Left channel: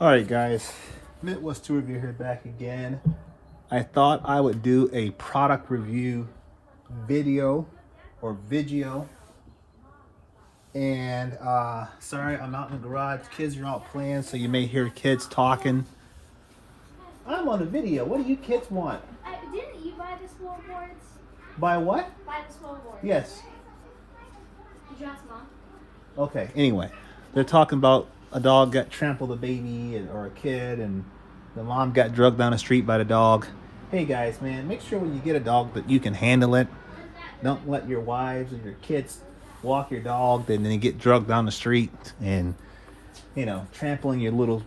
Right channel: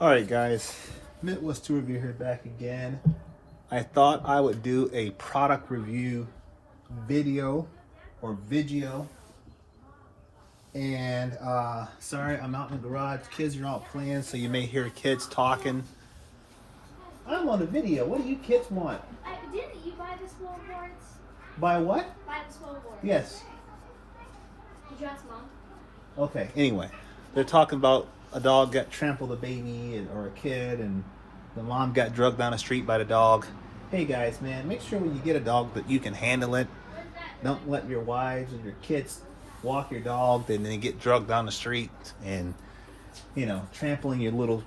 All right, guys, Midwest Tour Review here back again. I thought I would do a product review video or video. And sorry, I'm out in the garage. Kids are out playing, so you may hear kids talking. I'm on the video. What do you kids want? Didn't you buy the swole boards? Buy what? Buy the swole boards. Yes. Did you ask Mom? Okay, anyway, they're talking about a dog got trampled a baby or a kid, and the mom got drugged down the street by the dog. Hey guys, man, make sure when you get a dog that you can handle it. Don't let your wives and your kids walk your dog and then get drugged down the street and, you know, trampling your little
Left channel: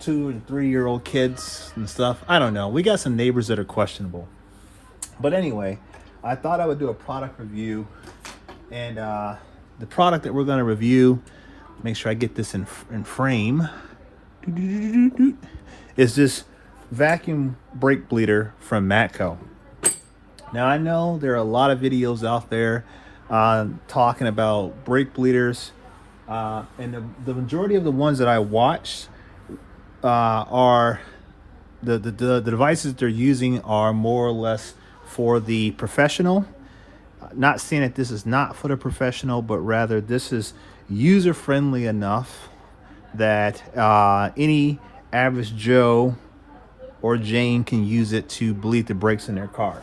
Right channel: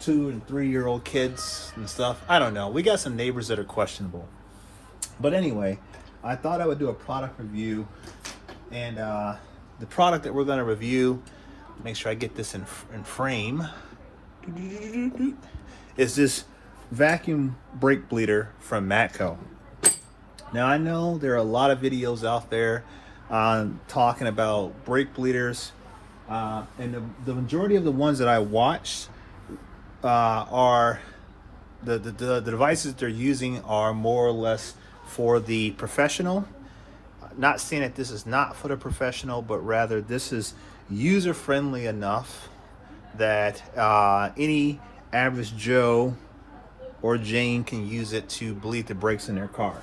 2 and 3-year-old kids and stuff. I don't know. We got some neighbors that are questionable. But anyway, I thought I would do a product review, and the product that we're going to review, make sure I get this in frame, is this vacuum brake bleeder from Matco. Now I know there are a lot of videos out there talking about brake bleeders, and the majority of the ones that I watched are the devices they're using are more or less for the professional. Not saying that this is not for the professional, but rather this is user friendly enough that any average Joe or Jane can use it to bleed the brakes in their car.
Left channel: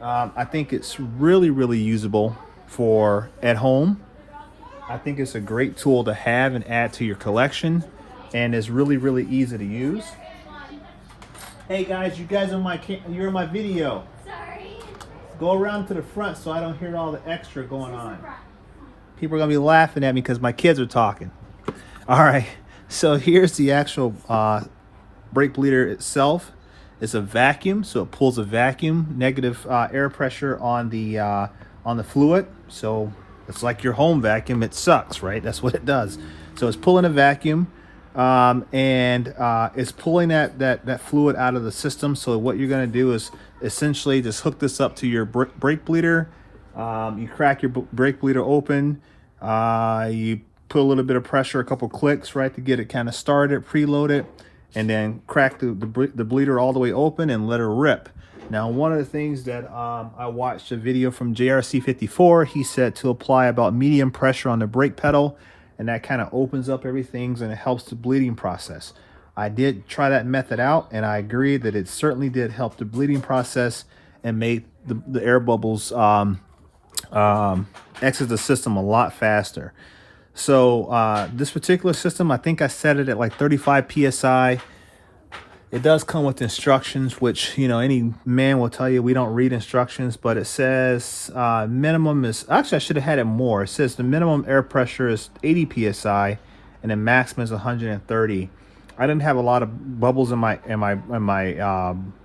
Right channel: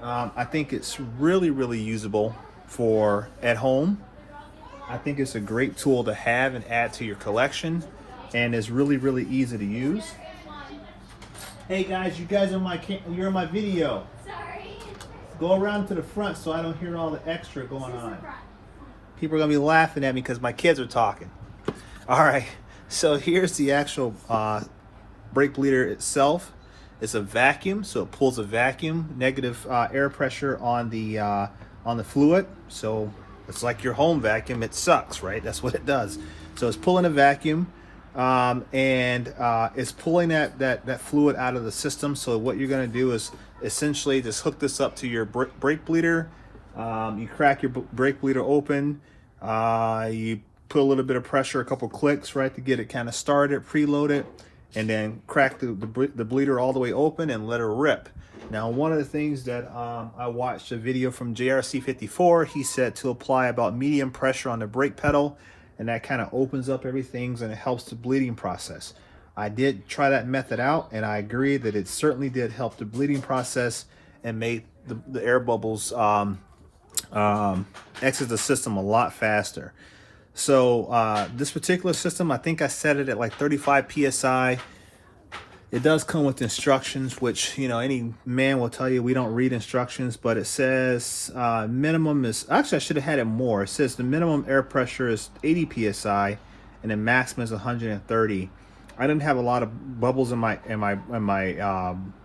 I think it's really usable for at home. I think it's a great tool to have and add to your collection, and it's really easy to use. Hey guys, you guys on you're in my video. Sorry. Go around to the front so I don't hear all the extra going on. People are gonna be laughing at me because my kids are talking. All right, so here's the actual brake bleeder itself. It's a vacuum, so it pulls a vacuum, negative air pressure on the fluid. So it's like your home vacuum. It sucks, right? That's what it does. So it's pulling a vacuum, and it's pulling that fluid out of the system. So what you're going to do is essentially just hook this up to your brake bleeder. You crack your brake bleeder open. You put a little bit of pressure, a couple clicks, right, to get it kind of started, preload it, and then crack the bleeder all the way open and let it rip. Now, one of the things that I watched a video from JRC54, he said to apply about medium pressure on the brake pedal, and that kind of opens up everything and it helps the bleeding process. I did try that method out, and I agree that it certainly did help the bleeding process and made the air bubbles exit the system a lot faster. So this particular system, I think I set it at like 35 psi. It does come with instructions, which, you know, any man will tell you we don't read instructions, but it says minimum is, actually I should have had it more. It says the minimum air pressure is 80 psi and the maximum is 130. I didn't have a lot of bubbles in my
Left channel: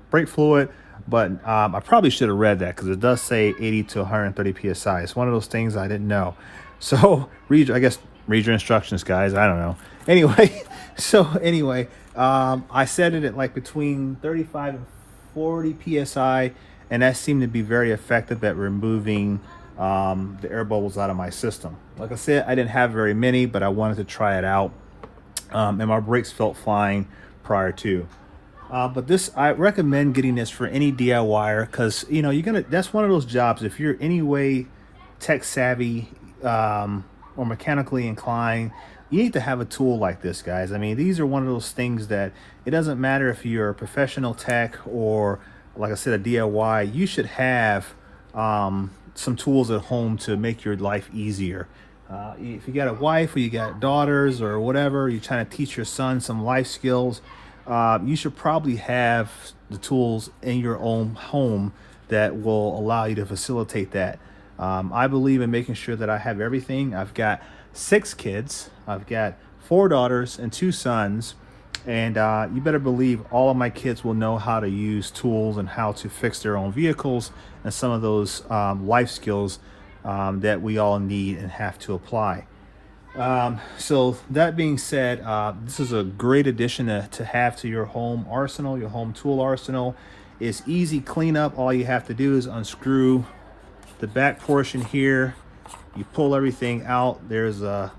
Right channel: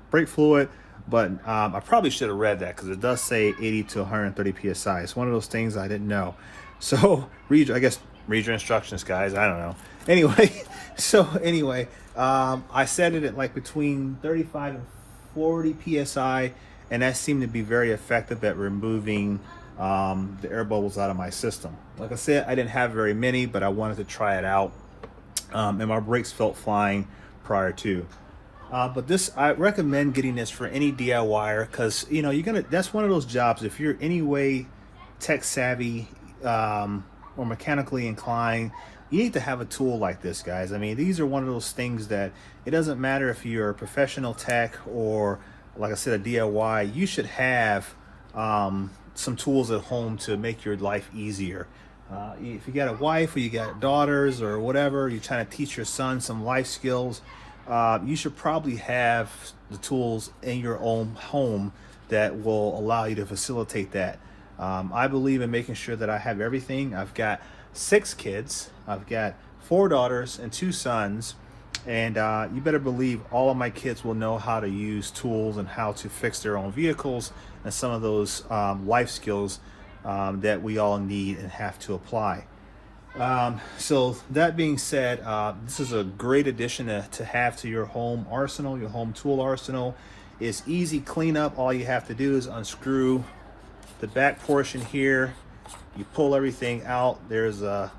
brake fluid, but I probably should have read that because it does say 80 to 130 psi. It's one of those things I didn't know. So read your instructions, guys. I don't know. Anyway, I set it at like between 35 and 40 psi, and that seemed to be very effective at removing the air bubbles out of my system. Like I said, I didn't have very many, but I wanted to try it out, and my brakes felt fine prior to. But I recommend getting this for any DIYer, because, you know, that's one of those jobs, if you're any way tech savvy or mechanically inclined, you need to have a tool like this, guys. I mean, these are one of those things that it doesn't matter if you're a professional tech or, like I said, a DIY. You should have some tools at home to make your life easier. If you got a wife or you got daughters or whatever, you're trying to teach your son some life skills, you should probably have the tools in your own home that will allow you to facilitate that. I believe in making sure that I have everything. I've got 6 kids. I've got 4 daughters and 2 sons. And you better believe all of my kids will know how to use tools and how to fix their own vehicles and some of those life skills that we all need and have to apply. So that being said, this is a great addition to have to your home arsenal, your home tool arsenal. It's easy cleanup. All you have to do is unscrew the back portion here. You pull everything out. There's a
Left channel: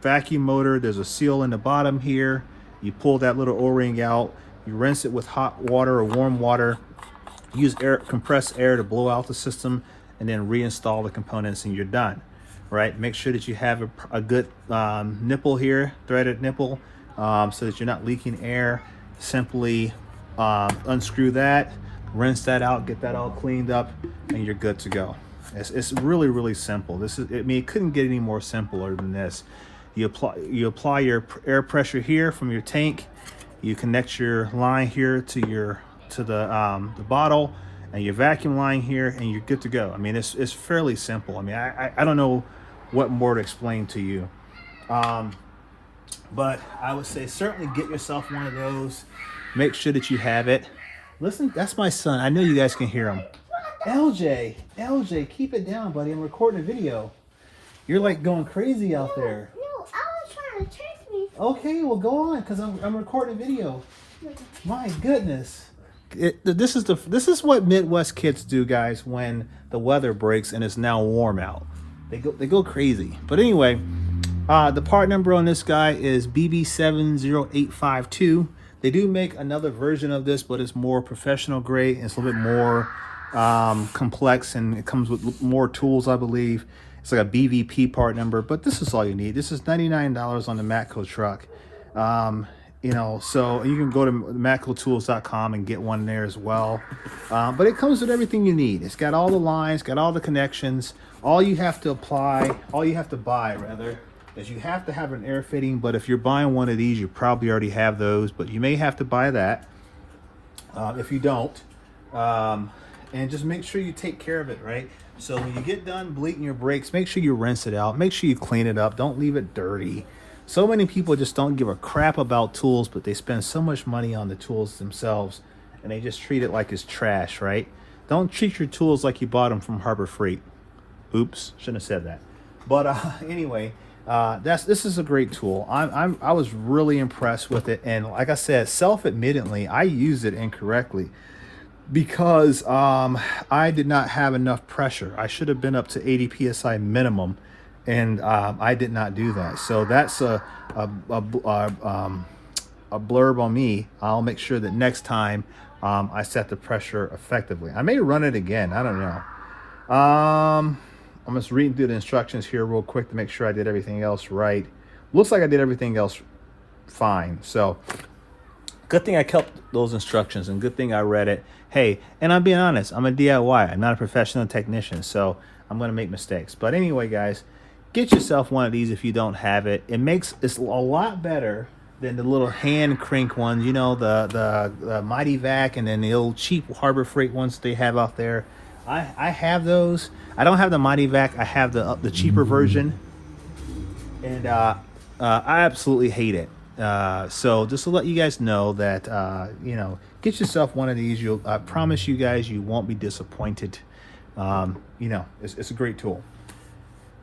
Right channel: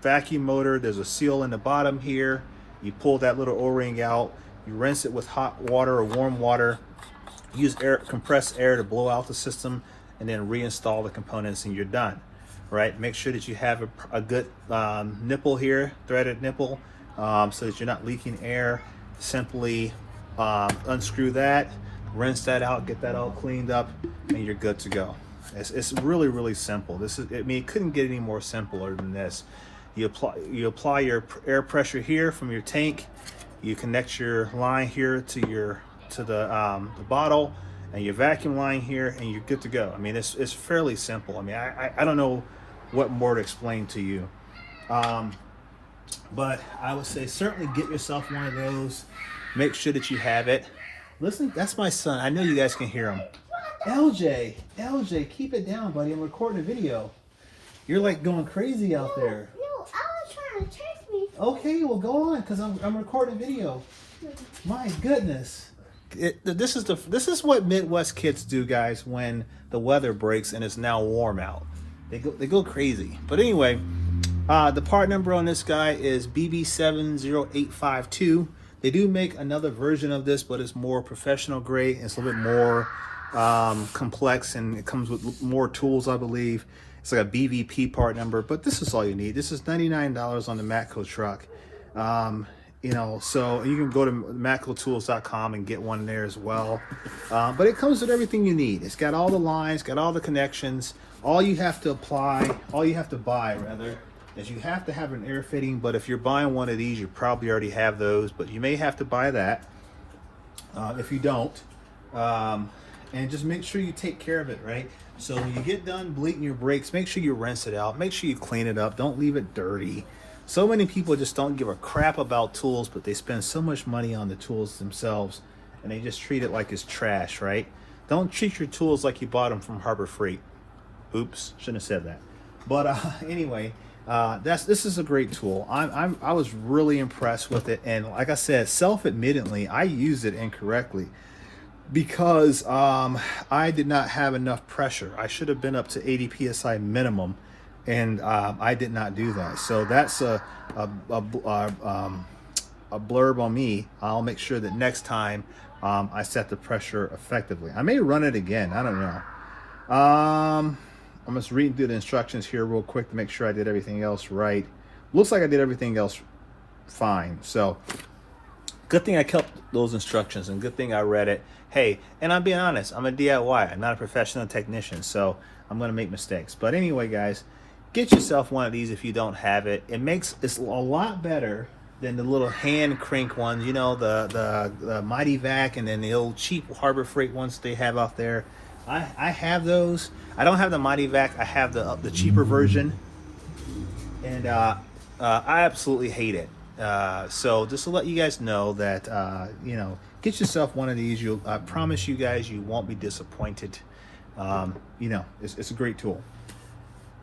vacuum motor, there's a seal in the bottom here. You pull that little O-ring out, you rinse it with hot water or warm water, use compressed air to blow out the system, and then reinstall the components and you're done. Right? Make sure that you have a good nipple here, threaded nipple, so that you're not leaking air. Simply unscrew that, rinse that out, get that all cleaned up, and you're good to go. It's really, really simple. It couldn't get any more simpler than this. You apply your air pressure here from your tank. You connect your line here to the bottle, and your vacuum line here, and you're good to go. I mean, it's fairly simple. I mean, I don't know what more to explain to you, but I would say certainly get yourself one of those. Make sure that you have it. Listen, that's my son. I know you guys can hear him. LJ, keep it down, buddy. I'm recording a video. You're like going crazy out there. No, I was trying to trick me. Okay, well go on, cause I'm recording a video. My goodness, this is what Midwest kids do, guys. When the weather breaks and it's now warm out, they go crazy. But anyway, the part number on this guy is BB70852. They do make another version of this, but it's more professional grade. It's a little bit more complex, and it comes with more tools, I believe. It's like a BVP part number, but this is all you need. This is $99 on the Matco truck. You know, so you can go to matcotools.com and get one there as well. But it comes with everything you need. It's got all the lines, got all the connections. All you have to buy rather, is you have to have an air fitting. But if you're buying one of these, you probably already have those, but you may have to buy that if you don't. And just make sure you take care of it, right? So when you get done bleeding your brakes, make sure you rinse it out. Make sure you clean it up. Don't leave it dirty. So many people just don't give a crap about tools, but they spend so much money on the tools themselves, and they just treat it like it's trash, right? Don't treat your tools like you bought them from Harbor Freight. Oops, shouldn't have said that. But anyway, this is a great tool. I was really impressed with it, and like I said, self-admittedly, I used it incorrectly because I did not have enough pressure. I should have been up to 80 psi minimum, and I did not do that. So that's a blurb on me. I'll make sure that next time I set the pressure effectively. I may run it again. I don't know. I'm just reading through the instructions here real quick to make sure I did everything else right. Looks like I did everything else fine. So good thing I kept those instructions, and good thing I read it. Hey, and I'm being honest, I'm a DIY. I'm not a professional technician, so I'm going to make mistakes. But anyway, guys, get yourself one of these if you don't have it. It's a lot better than the little hand crank ones, you know, the Mighty Vac, and then the old cheap Harbor Freight ones they have out there. I have those. I don't have the Mighty Vac. I have the cheaper version, and I absolutely hate it. So just to let you guys know that you know, get yourself one of these. I promise you guys, you won't be disappointed. You know, it's a great tool.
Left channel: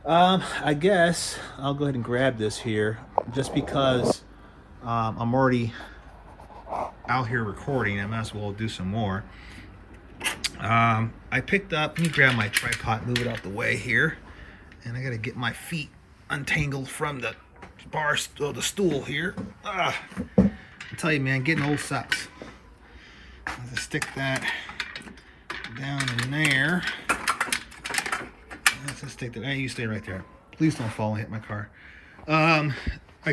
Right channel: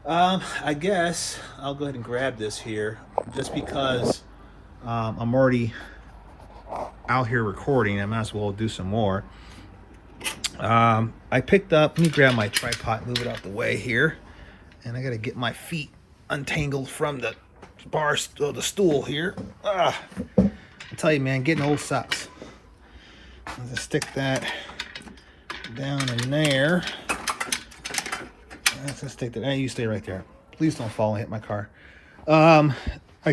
I guess I'll go ahead and grab this here, just because I'm already out here recording. I might as well do some more. I picked up, let me grab my tripod, move it out the way here, and I gotta get my feet untangled from the bar, the stool here. I tell you, man, getting old sucks. I'm gonna stick that down in there. Let's just stick that. You stay right there. Please don't fall and hit my car. I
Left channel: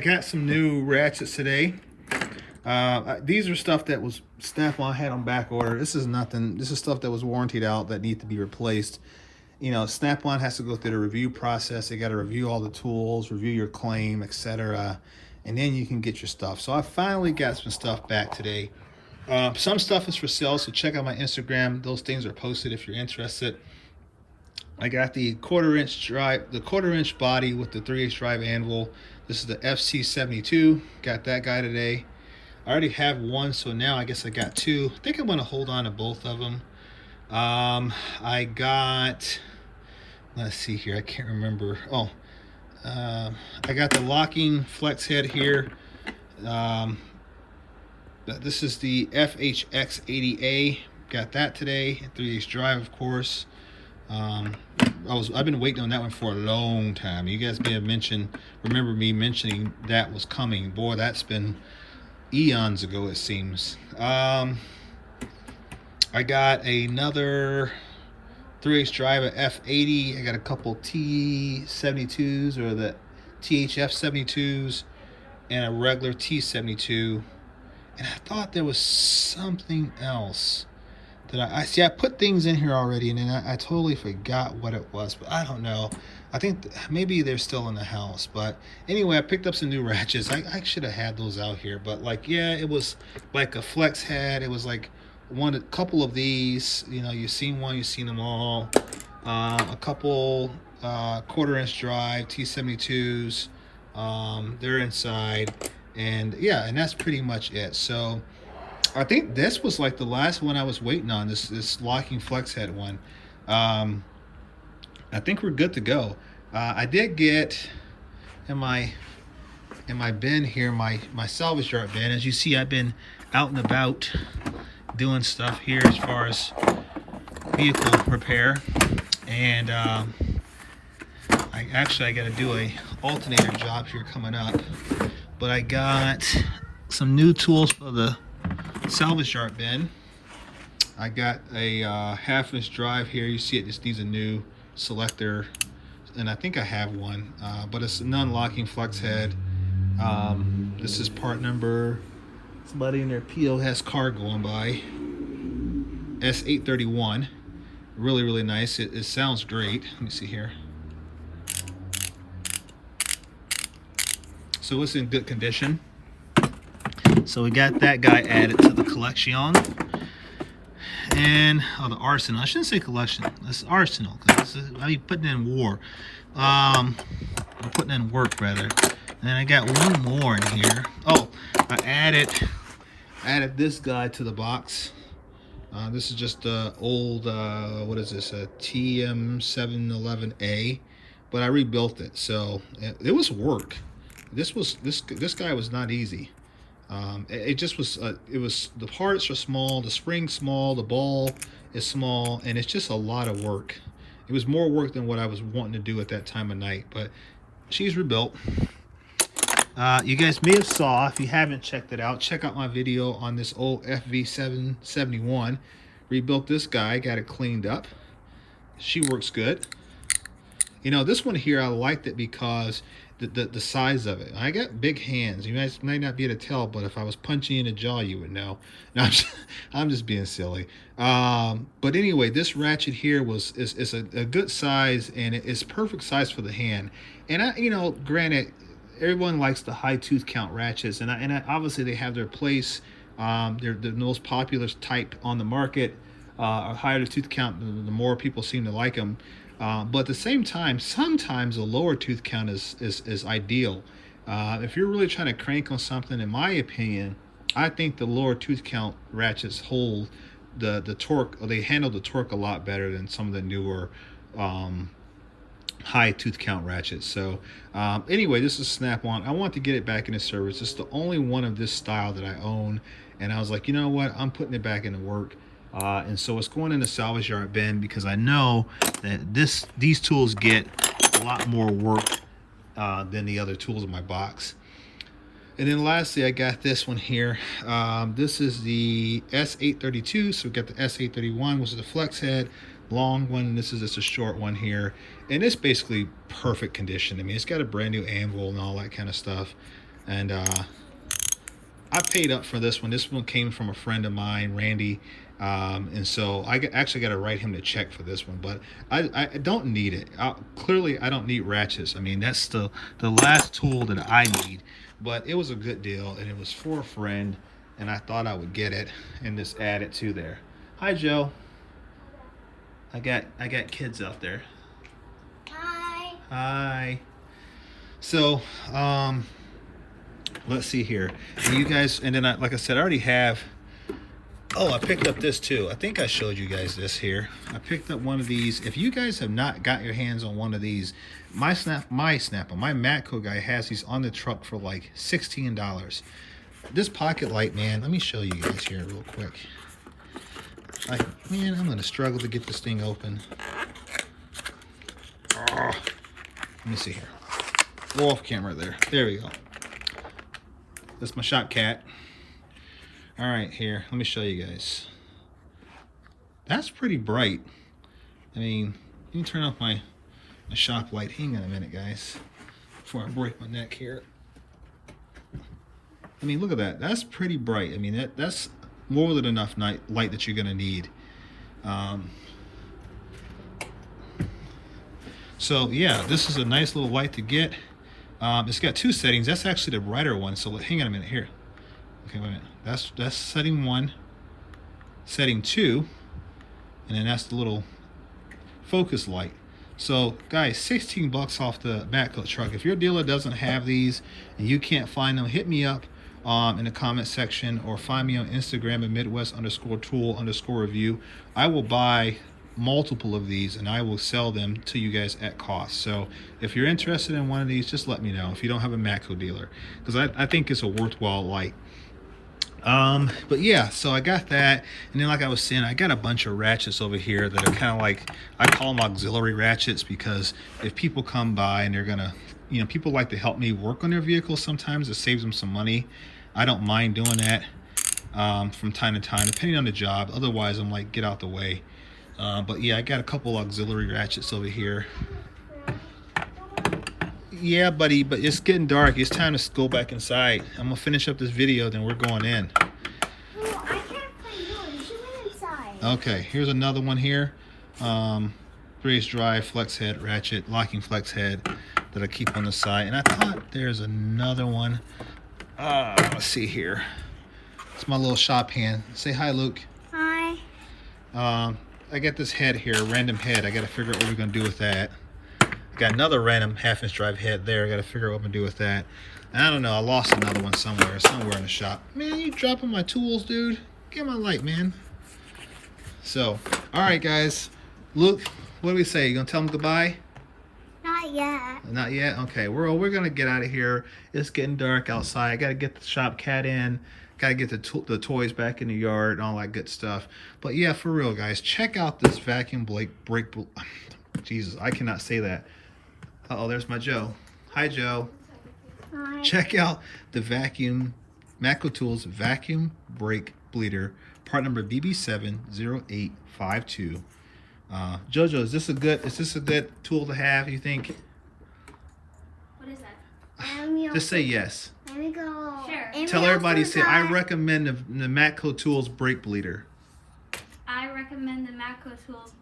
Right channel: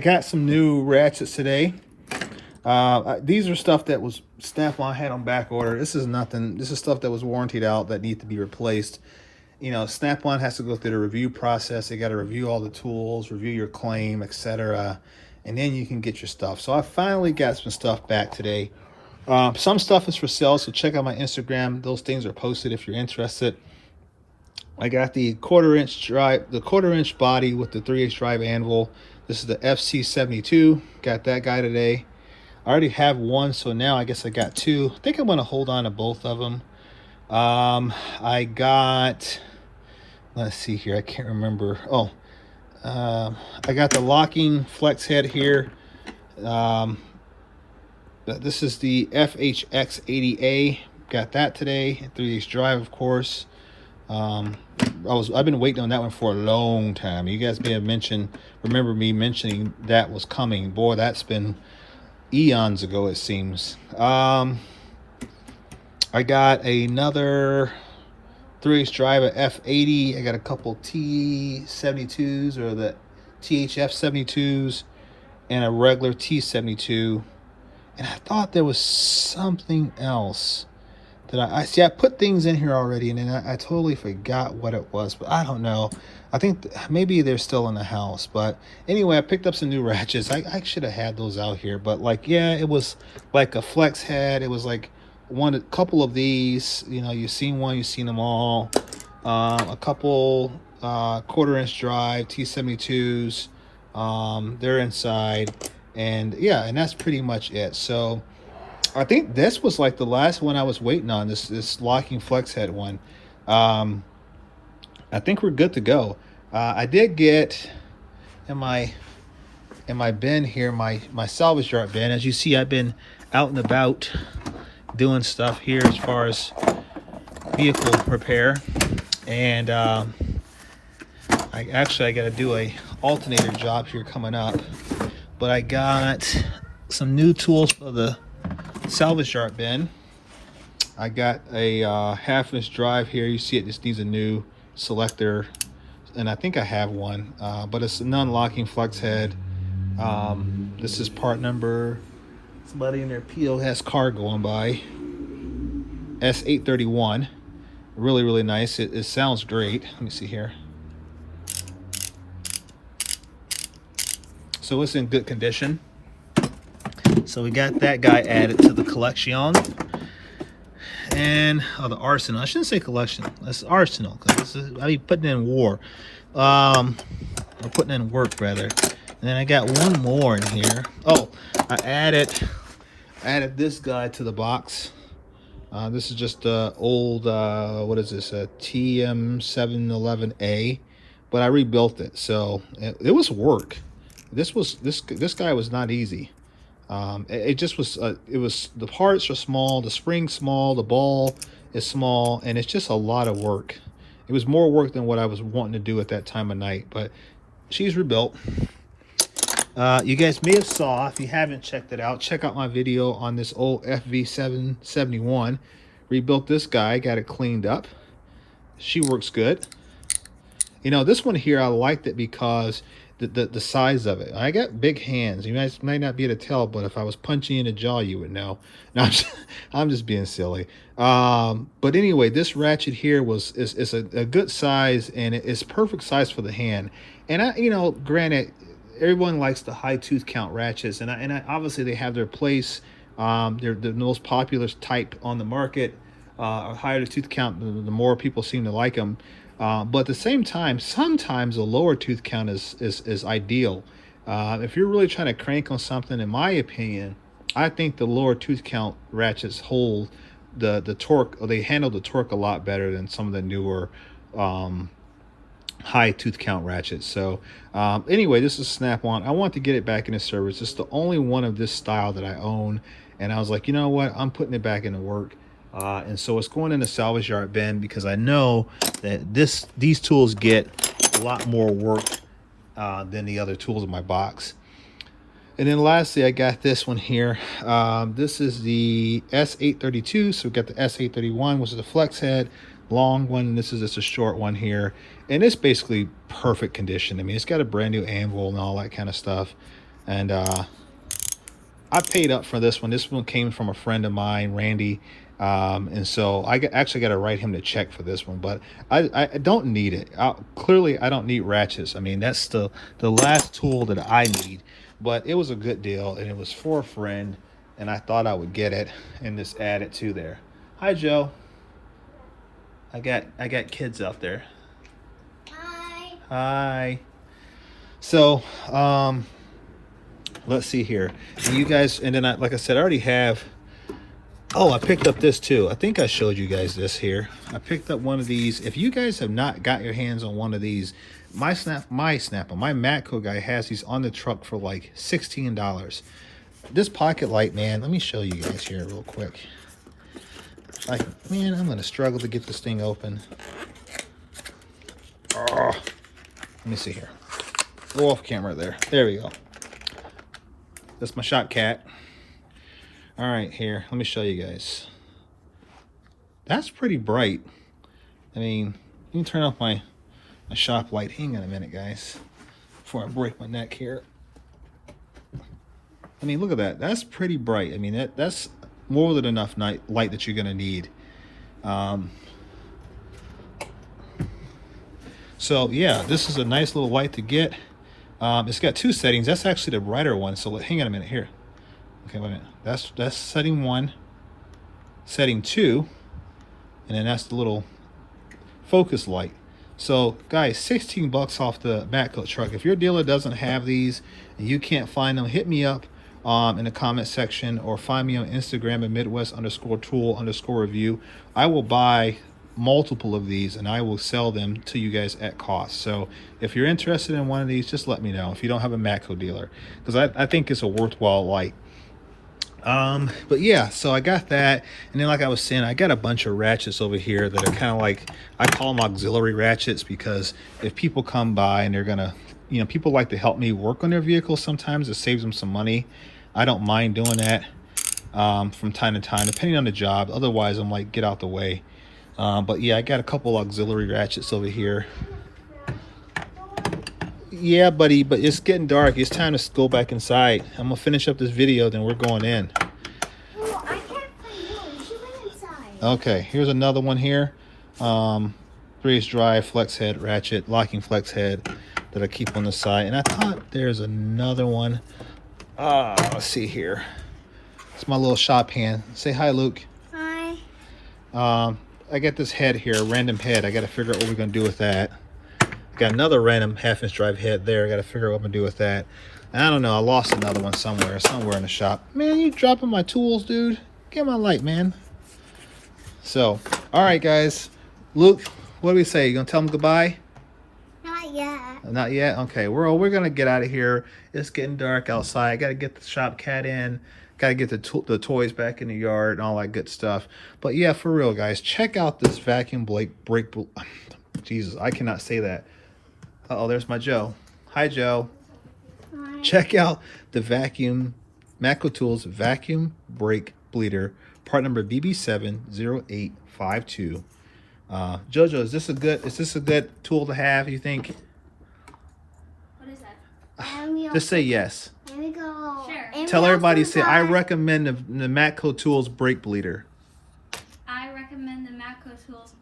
got some new ratchets today. These are stuff that was Snap-on had on back order. This is nothing. This is stuff that was warrantied out that needs to be replaced. You know, Snap-on has to go through the review process. They got to review all the tools, review your claim, etc., and then you can get your stuff. So I finally got some stuff back today. Some stuff is for sale, so check out my Instagram. Those things are posted if you're interested. I got the quarter-inch body with the 3/8 drive anvil. This is the FC72. Got that guy today. I already have one, so now I guess I got two. I think I'm going to hold on to both of them. I got, let's see here, I can't remember. Oh, I got the locking flex head here. This is the FHX80A. Got that today. 3/8 drive, of course. I've been waiting on that one for a long time. You guys may have remember me mentioning that was coming. Boy, that's been eons ago, it seems. I got another 3/8 drive at F80. I got a couple T72s, or the THF 72s, and a regular T72. And I thought there was something else that I see. I put things in here already, and then I totally forgot what it was, but I don't know. I think maybe they're still in the house. But anyway, I picked up some new ratchets. I should have had those out here, but like, yeah, it was like a flex head. It was like a couple of these. You know, you've seen one, you've seen them all. A couple 1/4" drive T72s. They're inside, and yeah, and that's pretty much it. So I think this was like the last one I was waiting on, this locking flex head one. I think we're good to go. I did get in my bin here, my salvage yard bin. As you see, I've been out and about doing stuff here as far as vehicle repair, and I got to do a alternator job here coming up. But I got some new tools for the salvage yard bin. I got a 1/2" drive here. You see it just needs a new selector, and I think I have one, but it's a non-locking flex head. This is part number, somebody in their POS car going by, S831. Really nice. It sounds great. Let me see here. So it's in good condition. So we got that guy added to the collection. And the arsenal. I shouldn't say collection. That's arsenal, because I be putting in war. I'm putting in work rather. And then I got one more in here. Oh, I added this guy to the box. This is just old, what is this? A TM711A, but I rebuilt it, so it was work. This guy was not easy. It just was. It was, the parts are small, the spring's small, the ball is small, and it's just a lot of work. It was more work than what I was wanting to do at that time of night, but she's rebuilt. You guys may have saw, if you haven't checked it out, check out my video on this old FV771. Rebuilt this guy, got it cleaned up. She works good. You know, this one here, I liked it because the size of it. I got big hands. You guys might not be able to tell, but if I was punching in the jaw, you would know. No, I'm just being silly. But anyway, this ratchet here is a good size, and it's perfect size for the hand. And you know, granted, everyone likes the high tooth count ratchets, and obviously they have their place. They're the most popular type on the market. Higher the tooth count, the more people seem to like them. But at the same time, sometimes a lower tooth count is ideal. If you're really trying to crank on something, in my opinion, I think the lower tooth count ratchets hold the torque, or they handle the torque a lot better than some of the newer high tooth count ratchets. So anyway, this is Snap-on. I want to get it back into service. It's the only one of this style that I own, and I was like, you know what, I'm putting it back into work. And so it's going in the salvage yard bin, because I know that these tools get a lot more work than the other tools in my box. And then lastly, I got this one here. This is the S832. So we got the S831, which is the flex head, long one. This is just a short one here, and it's basically perfect condition. I mean, it's got a brand new anvil and all that kind of stuff. And I paid up for this one. This one came from a friend of mine, Randy. And so I actually got to write him the check for this one, but I don't need it. Clearly I don't need ratchets. I mean, that's the last tool that I need, but it was a good deal, and it was for a friend, and I thought I would get it and just add it to there. Hi, Joe. I got kids out there. Hi. Hi. So, let's see here. You guys, and then like I said, I already have. Oh, I picked up this too. I think I showed you guys this here. I picked up one of these. If you guys have not got your hands on one of these, my Matco guy has these on the truck for like $16. This pocket light, man, let me show you guys here real quick. Man, I'm gonna struggle to get this thing open. Let me see here. Go off camera there. There we go. That's my shop cat. All right, here. Let me show you guys. That's pretty bright. I mean, let me turn off my shop light. Hang on a minute, guys, before I break my neck here. I mean, look at that. That's pretty bright. I mean, that's more than enough light that you're going to need. So yeah, this is a nice little light to get. It's got two settings. That's actually the brighter one. So hang on a minute here. Okay, wait a minute. That's setting 1, setting 2, and then that's the little focus light. So guys, 16 bucks off the Matco truck. If your dealer doesn't have these and you can't find them, hit me up in the comment section, or find me on Instagram at Midwest_tool_review. I will buy multiple of these and I will sell them to you guys at cost. So if you're interested in one of these, just let me know if you don't have a Matco dealer, because I think it's a worthwhile light. But yeah, so I got that, and then like I was saying, I got a bunch of ratchets over here that are kind of like, I call them auxiliary ratchets, because if people come by and they're gonna, you know, people like to help me work on their vehicles sometimes. It saves them some money. I don't mind doing that from time to time, depending on the job. Otherwise, I'm like, get out the way. But yeah, I got a couple auxiliary ratchets over here. Yeah, buddy, but it's getting dark. It's time to go back inside. I'm gonna finish up this video, then we're going in. Well, I can't find one. We should go inside. Okay, here's another one here. 3/8 drive flex head ratchet, locking flex head that I keep on the side. And I thought there's another one. Let's see here. It's my little shop hand. Say hi, Luke. Hi. I got this head here, a random head. I got to figure out what we're gonna do with that. Got another random 1/2" drive head there. I got to figure out what I'm gonna do with that. And I don't know. I lost another one somewhere in the shop. Man, you dropping my tools, dude. Get my light, man. So, all right, guys. Luke, what do we say? You gonna tell them goodbye? Not yet. Not yet. Okay. We're gonna get out of here. It's getting dark outside. I gotta get the shop cat in. Gotta get the toys back in the yard and all that good stuff. But yeah, for real, guys, check out this vacuum brake. Jesus, I cannot say that. Uh-oh, there's my Joe. Hi, Joe. Hi. Check out the Matco Tools vacuum brake bleeder, part number BB70852. Jojo, is this a good tool to have, you think? What is that? Just say yes. Let me go. Sure. Tell everybody, say, I recommend the Matco Tools brake bleeder. I recommend the Matco Tools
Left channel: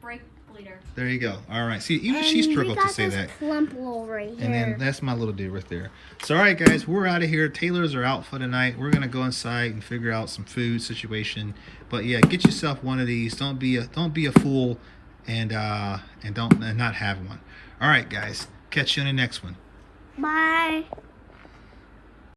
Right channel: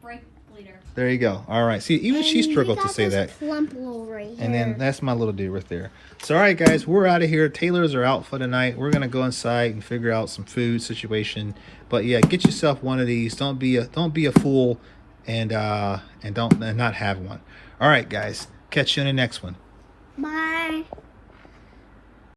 brake bleeder. There you go. All right. See, even she struggled to say that. Right here. And then that's my little dude right there. So, all right, guys, we're out of here. Tailors are out for the night. We're gonna go inside and figure out some food situation. But yeah, get yourself one of these. Don't be a fool, and not have one. All right, guys. Catch you in the next one. Bye.